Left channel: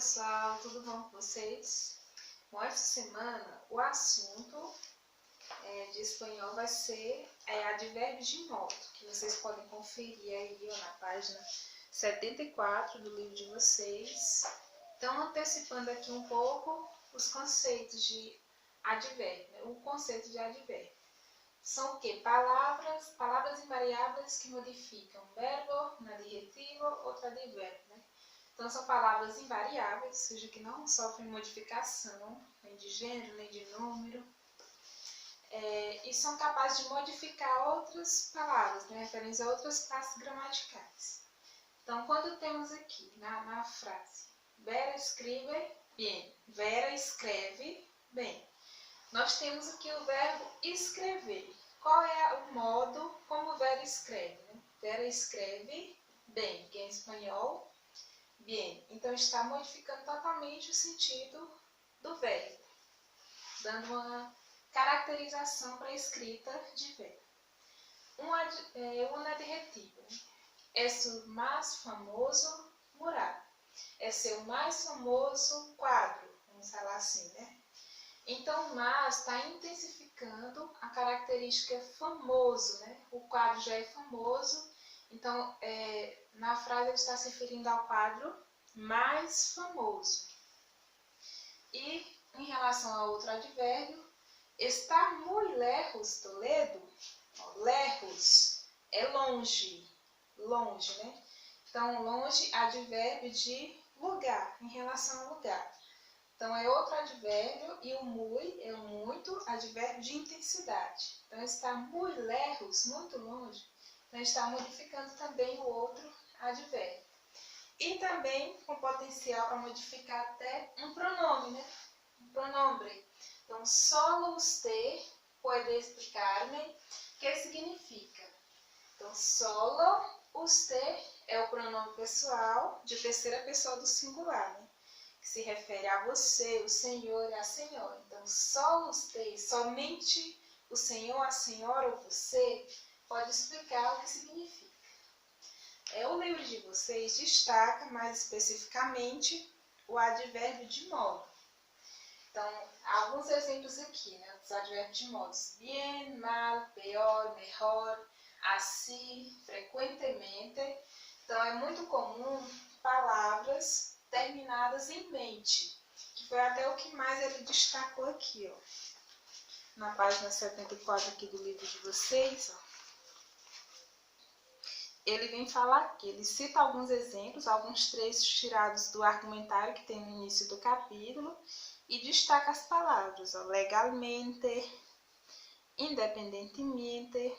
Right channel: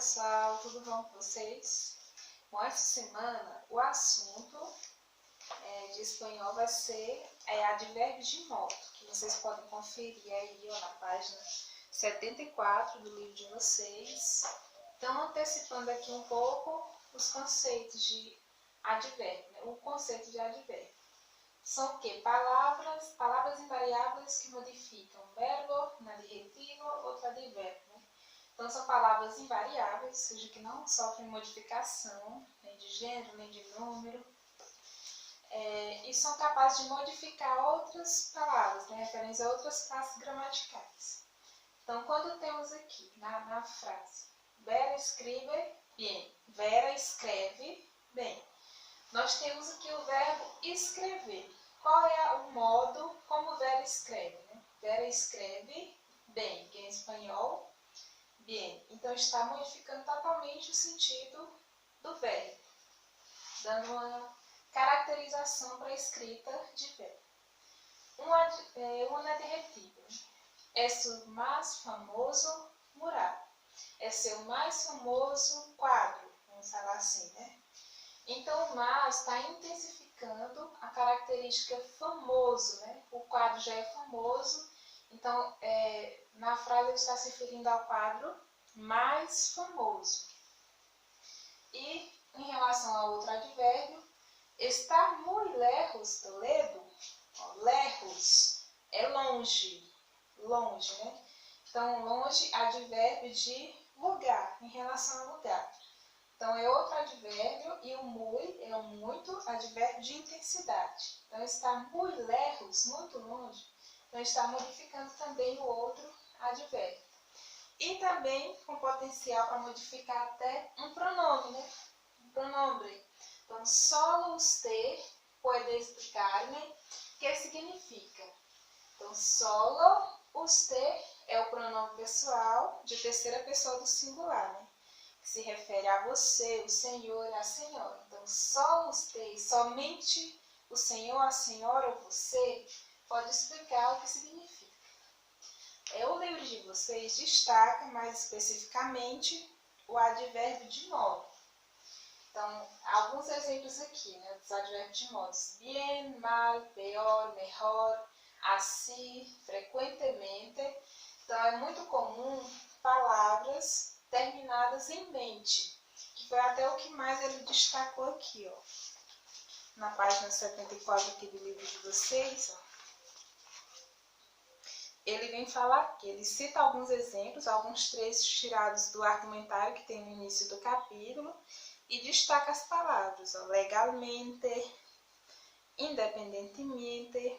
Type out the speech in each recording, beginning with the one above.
pessoal, tudo bom com vocês? Bom, essa semana o assunto de espanhol vai ser advérbios de modo, que vocês podem conferir aí na página 74 do livro de vocês. Então, antecipando aqui um pouco os conceitos de advérbio, né? O conceito de advérbio. São o quê? Palavras invariáveis que modificam verbo, um adjetivo, outro advérbio, né? Então, são palavras invariáveis, ou seja, que não sofrem modificação, nem de gênero, nem de número, e são capazes de modificar outras palavras, né, referentes a outras classes gramaticais. Então, quando temos aqui na frase, Vera escribe bem, Vera escreve bem, nós temos aqui o verbo escrever. Qual é o modo como Vera escreve? Né? Vera escreve bem, que em espanhol, bien. Então, está modificando totalmente o sentido do verbo, dando uma caracterização para a escrita de verbo. Um adjetivo. É o mais famoso mural. É seu mais famoso quadro. Vamos falar assim, né? Então, o mais está intensificando a característica famoso, né? O quadro já é famoso. Então, na frase ele está se referindo ao quadro mais famoso. E, em relação a outro advérbio, estar muy lejos, Toledo. Lejos é longe, longe, né? Então, longe, advérbio de lugar, em relação a lugar. Então, é outro advérbio, e o muy é o muito, advérbio de intensidade. Então, estar muy lejos, muito longe, então está modificando também o outro advérbio. E também com potencial para modificar até um pronome, né? Um pronombre. Então, solo usted puede explicar-me que significa. Então, solo usted é o pronome pessoal de terceira pessoa do singular, né? Que se refere a você, o senhor e a senhora. Então, só usted, somente o senhor, a senhora ou você pode explicar o que significa. O livro de vocês destaca mais especificamente o advérbio de modo. Então, alguns exemplos aqui, né, dos advérbios de modos. Bien, mal, peor, mejor, así, frequentemente. Então, é muito comum palavras terminadas em mente, que foi até o que mais ele destacou aqui, ó. Na página 74 aqui do livro de vocês, ó. Ele vem falar aqui, ele cita alguns exemplos, alguns trechos tirados do argumentário que tem no início do capítulo e destaca as palavras, ó, legalmente, independentemente,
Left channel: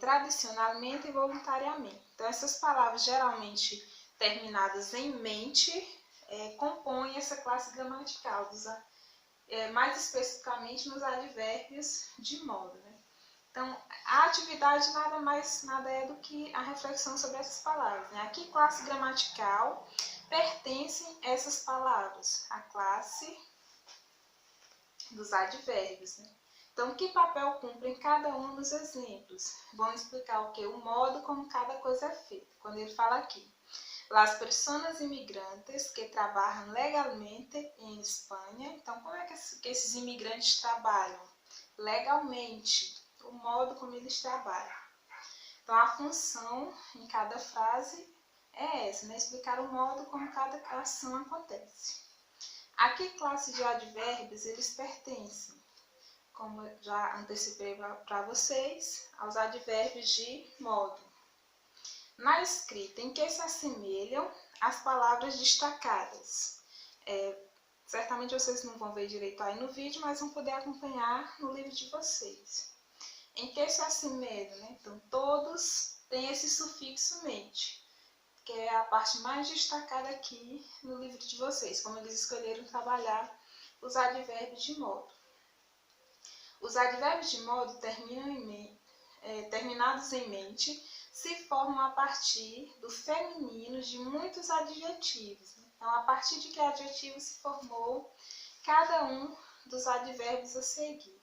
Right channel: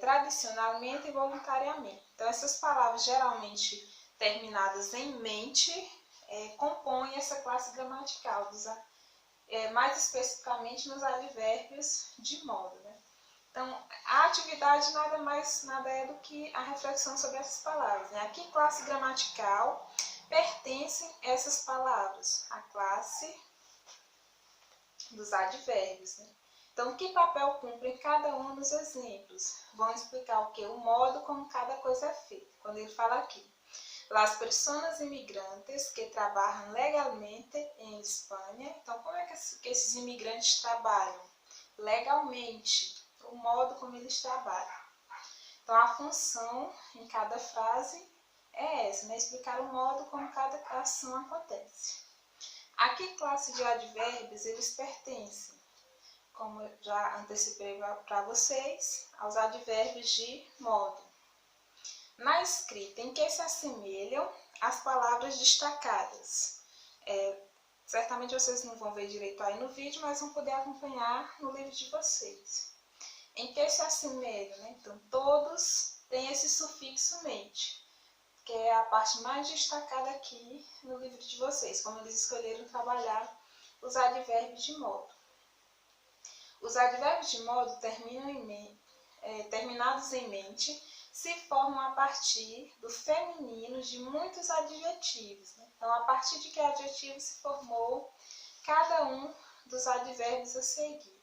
tradicionalmente e voluntariamente. Então, essas palavras geralmente terminadas em mente compõem essa classe gramatical, mais especificamente nos advérbios de modo, né? Então, a atividade nada é do que a reflexão sobre essas palavras, né? A que classe gramatical pertencem essas palavras? A classe dos advérbios, né? Então, que papel cumpre cada um dos exemplos? Vão explicar o que? O modo como cada coisa é feita. Quando ele fala aqui, las personas imigrantes que trabalham legalmente em Espanha. Então, como é que esses imigrantes trabalham? Legalmente. O modo como eles trabalham. Então, a função em cada frase é essa, né? Explicar o modo como cada ação acontece. A que classe de advérbios eles pertencem? Como eu já antecipei para vocês, aos advérbios de modo. Na escrita, em que se assemelham as palavras destacadas? Certamente vocês não vão ver direito aí no vídeo, mas vão poder acompanhar no livro de vocês. Em que se assemelham, né? Então, todos têm esse sufixo mente, que é a parte mais destacada aqui no livro de vocês, como eles escolheram trabalhar os advérbios de modo. Os advérbios de modo terminados em mente se formam a partir do feminino de muitos adjetivos, né? Então, a partir de que adjetivo se formou cada um dos advérbios a seguir.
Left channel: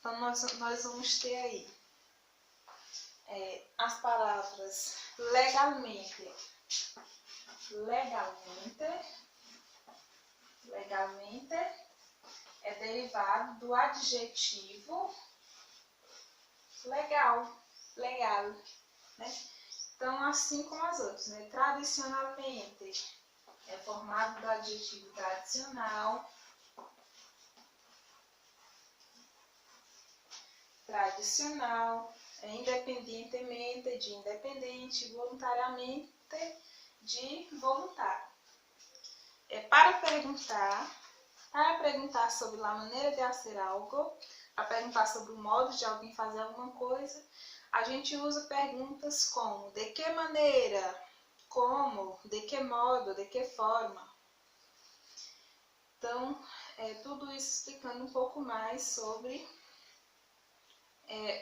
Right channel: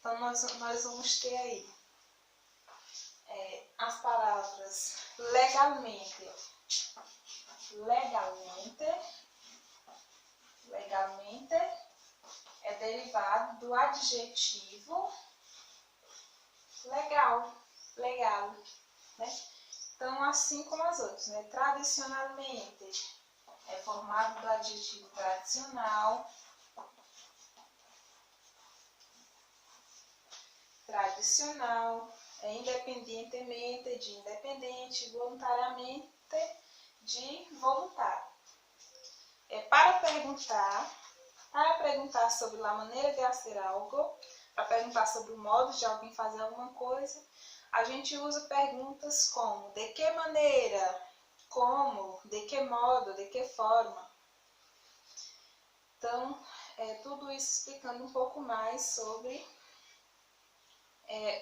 Então, nós vamos ter aí as palavras legalmente. legalmente é derivado do adjetivo legal, né? Então, assim como as outras, né? Tradicionalmente é formado do adjetivo tradicional, independentemente de independente, voluntariamente de voluntário. Para perguntar sobre a maneira de fazer algo, para perguntar sobre o modo de alguém fazer alguma coisa, a gente usa perguntas como: de que maneira? Como? De que modo? De que forma? Então, tudo isso explicando um pouco mais sobre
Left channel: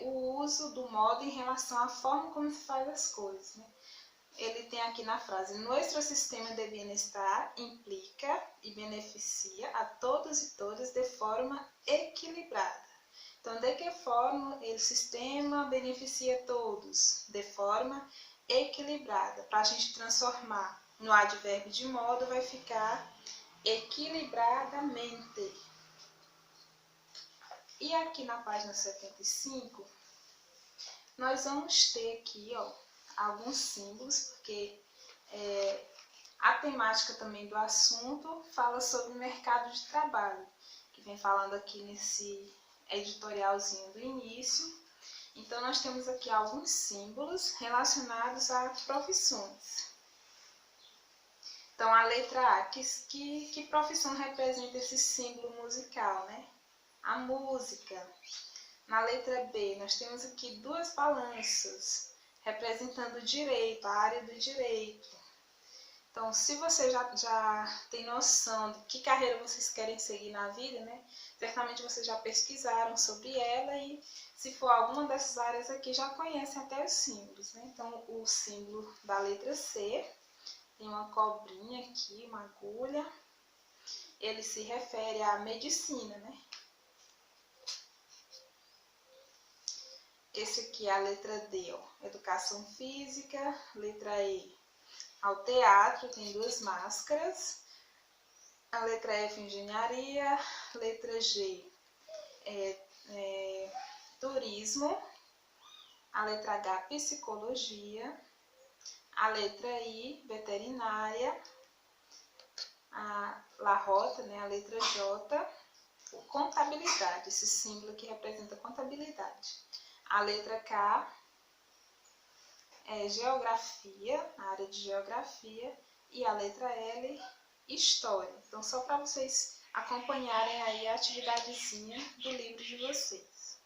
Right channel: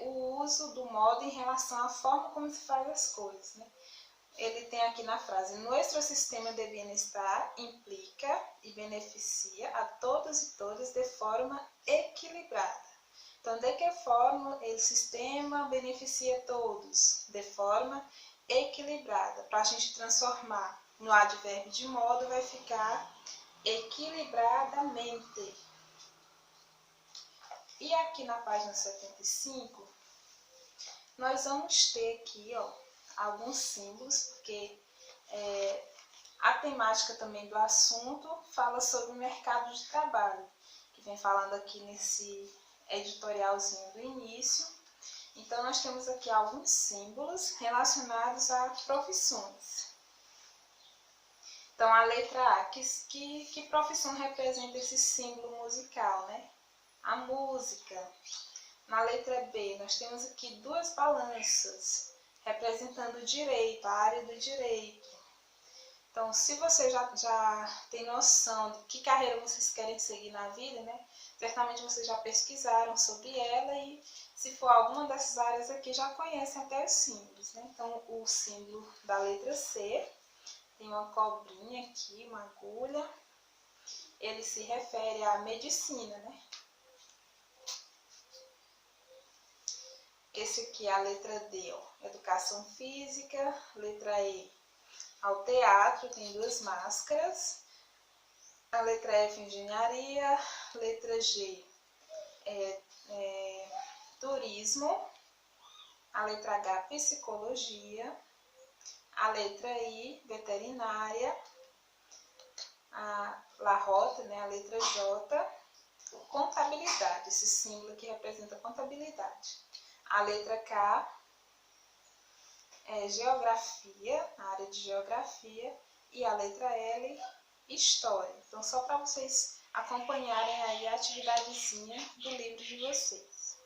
o uso do modo em relação à forma como se faz as coisas, né? Ele tem aqui na frase: nosso sistema de bem-estar implica e beneficia a todos e todas de forma equilibrada. Então, de que forma o sistema beneficia todos? De forma equilibrada. Para a gente transformar no advérbio de modo, vai ficar equilibradamente. E aqui na página 75, nós vamos ter aqui, alguns símbolos, porque a temática também do assunto fala sobre o mercado de trabalho, que vem falando aqui nesse editorialzinho do início. Então, nós temos aqui alguns símbolos relacionados a profissões. Então, a letra A, que profissão representa esse símbolo musical, né? A música. Na letra B, nós temos aqui duas balanças, representando o direito, a área do direito. Então, se você já tem noção de que carreira vocês querem seguir na vida, né? Certamente vocês já pesquisaram sobre ela e, se for alguma dessas áreas aqui, já conhecem até os símbolos, né? Então, o símbolo da letra C tem uma cobrinha aqui, uma agulha. Ele se refere à medicina, né? Esse aqui é a letra D, educação física. Letra E, ao teatro, tem duas máscaras. A letra F, engenharia. Letra G, turismo. A letra H, psicologia. A letra I, veterinária. A rota, né, a letra J, contabilidade. Esse símbolo aqui representa contabilidade. A letra K é geografia, a área de geografia, e a letra L, história. Então, só para vocês acompanharem aí a atividadezinha do livro de vocês.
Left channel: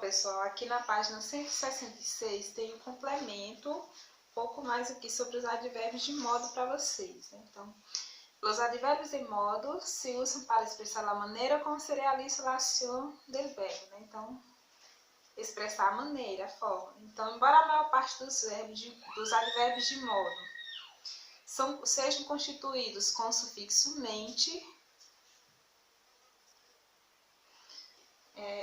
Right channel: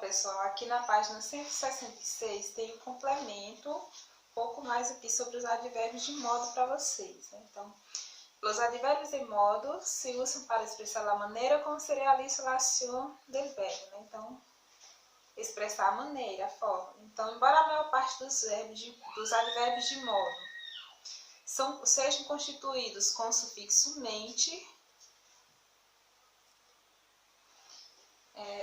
Pessoal, aqui na página 166 tem um complemento, um pouco mais aqui sobre os advérbios de modo para vocês, né? Então, os advérbios de modo se usam para expressar a maneira como se realiza a ação del verbo, né? Então, expressar a maneira, a forma. Então, embora a maior parte dos advérbios de modo sejam constituídos com o sufixo mente,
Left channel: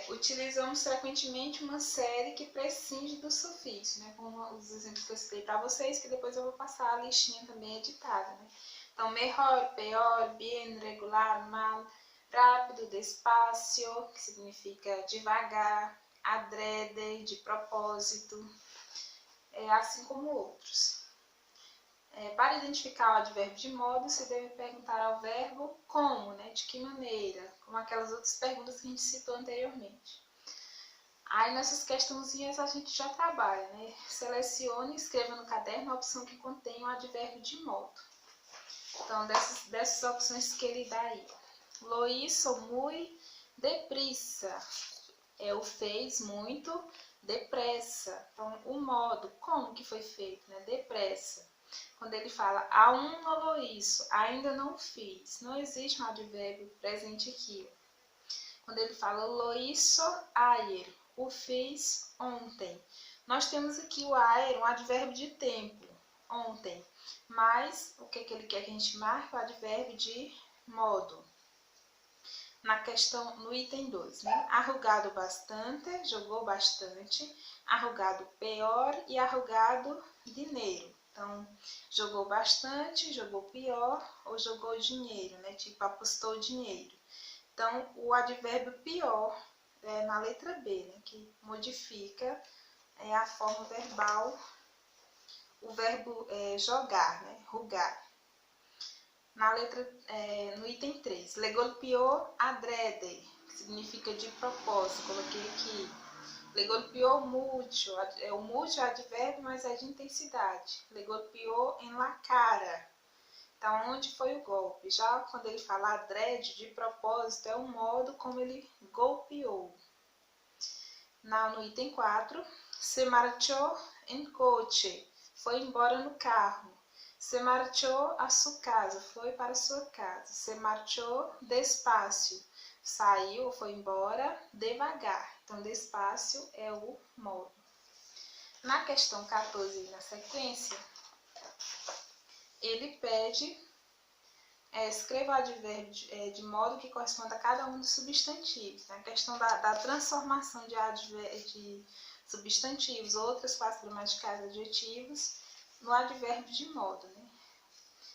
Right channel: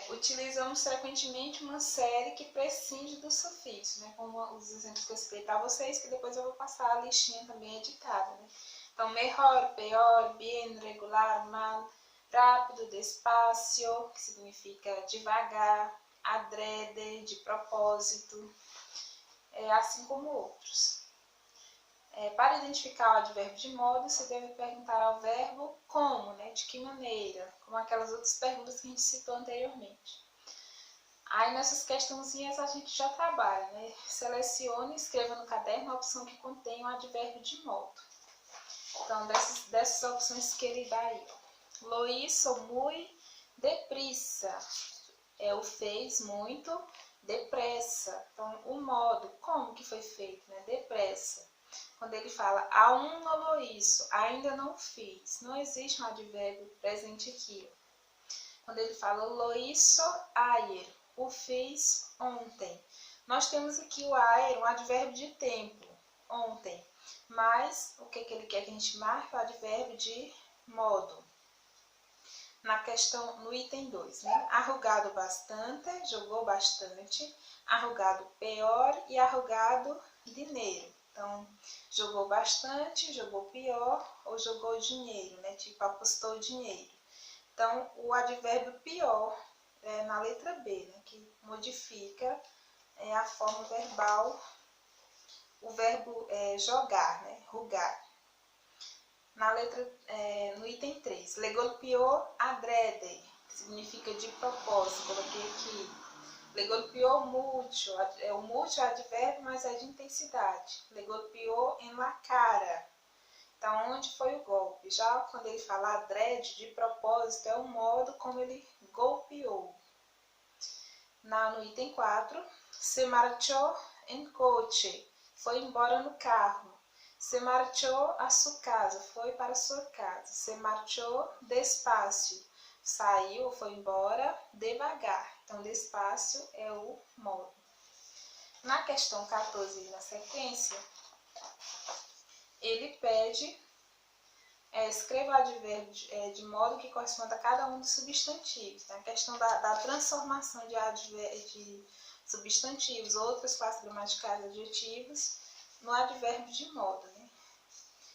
utilizamos frequentemente uma série que prescinde do sufixo, né? Como os exemplos que eu citei para vocês, que depois eu vou passar a listinha também editada, né? Então, melhor, pior, bien, regular, mal, rápido, despacio, que significa devagar, adrede, de propósito, assim como outros. Para identificar o advérbio de modo, se deve perguntar ao verbo como, né? De que maneira, como aquelas outras perguntas que a gente citou anteriormente. Aí nessas questãozinhas a gente já trabalha, né? Selecione e escreva no caderno a opção que contém o advérbio de modo. Então, dessas opções que ele dá aí, lo hizo muy deprisa, o fez muito depressa. Então, o modo, como que foi feito, né? Depressa. Quando ele fala, aún no lo hizo, ainda não fiz, não existe um advérbio presente aqui. Quando ele fala, lo hizo ayer, o fiz ontem. Nós temos aqui o ayer, um advérbio de tempo, ontem. Mas, o que ele quer que a gente marque? O advérbio de modo. Na questão, no item 2, né? Arrugado bastante, jogou bastante. Arrugado pior e arrugado dinheiro. Então, jogou bastante, jogou pior ou jogou dinheiro, né? Tipo, apostou dinheiro. Então, o advérbio pior é na letra B, né? Que modifica a forma verbal, o verbo jogar, né? Rugar. No item 3, le golpeou adrede, que significa de propósito, coloquei aqui. Le golpeou mucho, o mucho é advérbio, mas é de intensidade. Le golpeou en la cara. Então, onde foi o golpe? Já quando ele fala adrede, de propósito, é o modo como ele golpeou. No item 4, se marchou en coche, foi embora no carro. Se marchou a sua casa, foi para sua casa. Se marchou despacio, saiu ou foi embora devagar. Então, despacio é o modo. Na questão 14, na sequência, ele pede, escreva o advérbio de modo que corresponda a cada um dos substantivos. Na questão da transformação de substantivos, outras classes gramaticais adjetivos, no advérbio de modo, né?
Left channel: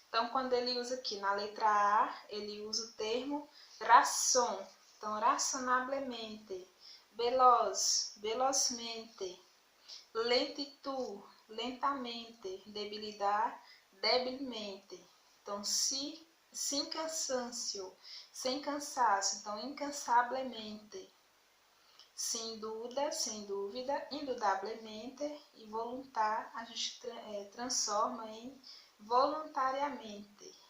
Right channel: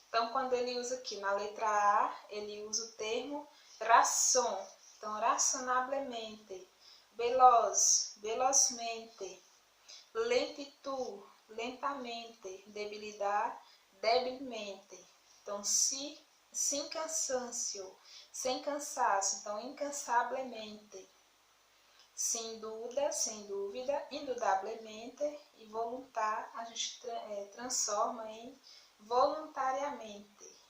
Então, quando ele usa aqui na letra A, ele usa o termo razón. Então, razonablemente, veloz, velozmente, lentitud, lentamente, debilidade, debilmente. Então, sem cansancio, sem cansaço. Então, incansavelmente. Sem dúvida, indudablemente e voluntar, a gente transforma em voluntariamente.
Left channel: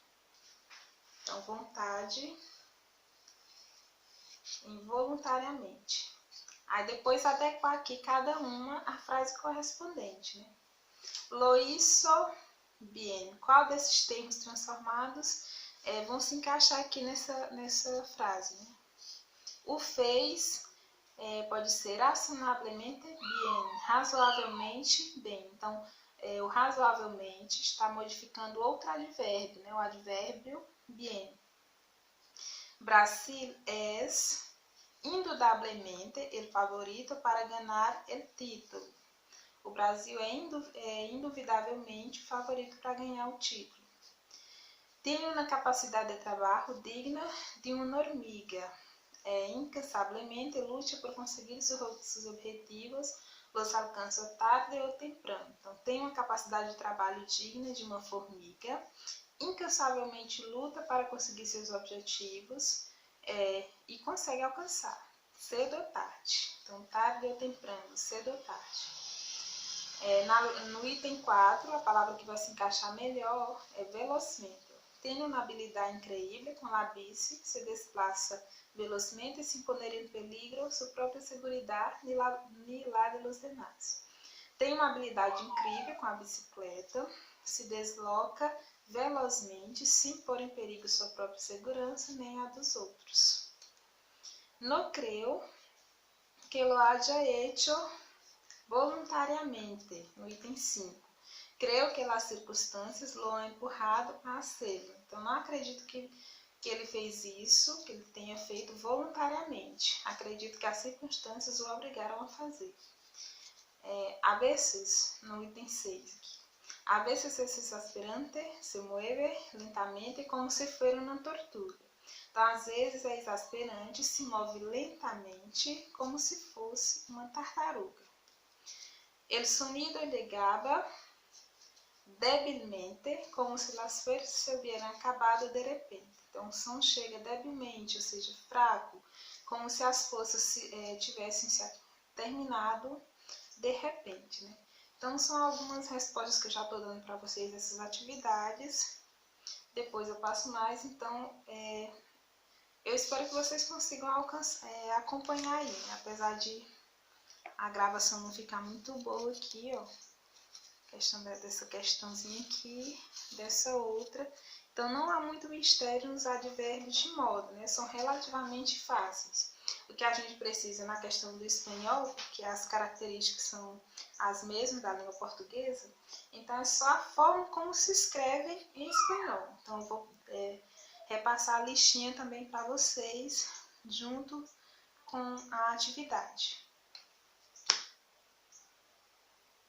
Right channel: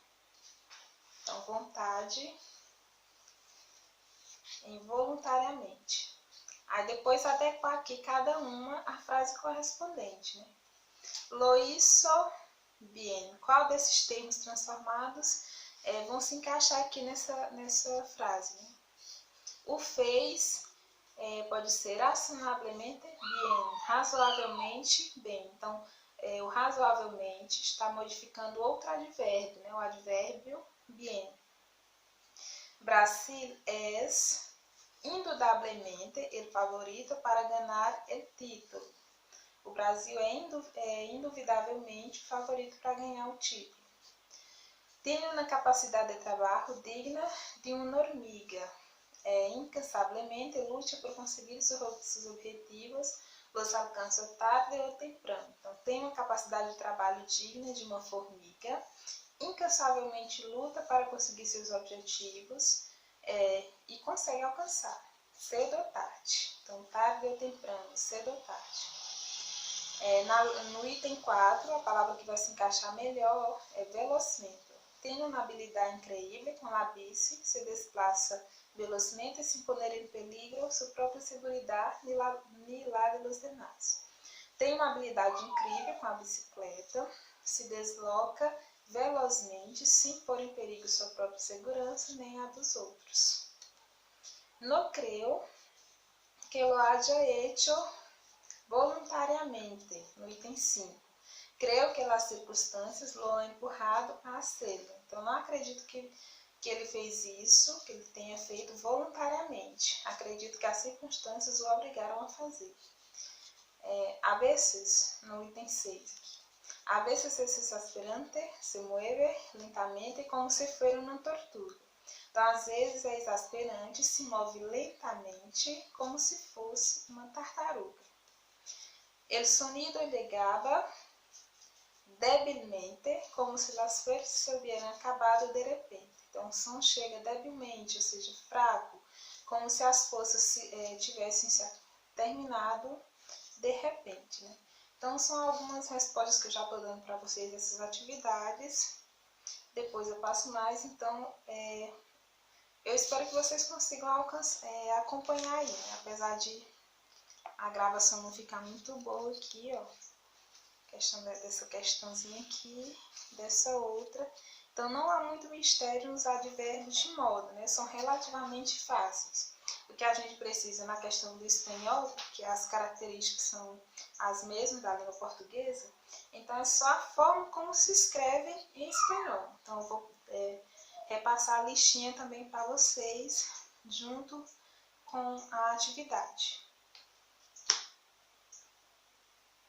Então, vontade em voluntariamente. Aí depois adequar aqui cada uma a frase correspondente, né? Lo hizo bien. Qual desses termos transformados vão se encaixar aqui nessa frase, né? O fez pode ser razonablemente bien, razoavelmente bem. Então, o razoavelmente está modificando outro advérbio, né? O advérbio bien. Brasil es indudablemente el favorito para ganhar el título. O Brasil é induvidavelmente favorito para ganhar o título. Tem uma capacidade de trabalho digna de uma hormiga. Incansavelmente luta por conseguir seus objetivos, los alcança tarde ou temprano. Então, tem uma capacidade de trabalho digna de uma formiga. Incansavelmente luta para conseguir seus objetivos e consegue alcançar, cedo ou tarde. Então, tarde ou temprano, cedo ou tarde. No item 4, a palavra que vai se encaixar melhor é velozmente. Tem uma habilidade incrível com a bici, se desplaça velozmente sin poner em peligro sua própria segurança ni la de los demás. Tem uma habilidade incrível com a bicicleta, se desloca velozmente, sem pôr em perigo sua própria segurança nem a dos outros. No creo que lo haya hecho voluntariamente, no item 5. Creio que as circunstâncias lo han empurrado a hacerlo. Então, não acredito que ele fez isso, que ele tenha feito voluntariamente. Acredito que as circunstâncias o obrigaram a fazer. A veces, no item 6. A veces es exasperante, se mueve lentamente como se fuera uma tortuga. Então, às vezes é exasperante, se move lentamente como se fosse uma tartaruga. El sonido llegaba débilmente, como se las fuerzas se hubieran acabado de repente. Então, o som chega debilmente, ou seja, fraco, como se as forças tivessem se terminado de repente, né? Então, são algumas respostas que eu já estou dando para vocês dessas atividades. Depois eu passo mais, então, eu espero que vocês consigam acompanhar aí, né? Apesar de a gravação não ficar muito boa aqui, ó. Dessa questãozinha aqui, dessa outra. Então, não há muito mistério nos advérbios de modo, né? São relativamente fáceis. O que a gente precisa na questão do espanhol, porque as características são as mesmas da língua portuguesa, então é só a forma como se escreve em espanhol. Então, eu vou repassar a listinha também para vocês, junto com a atividade.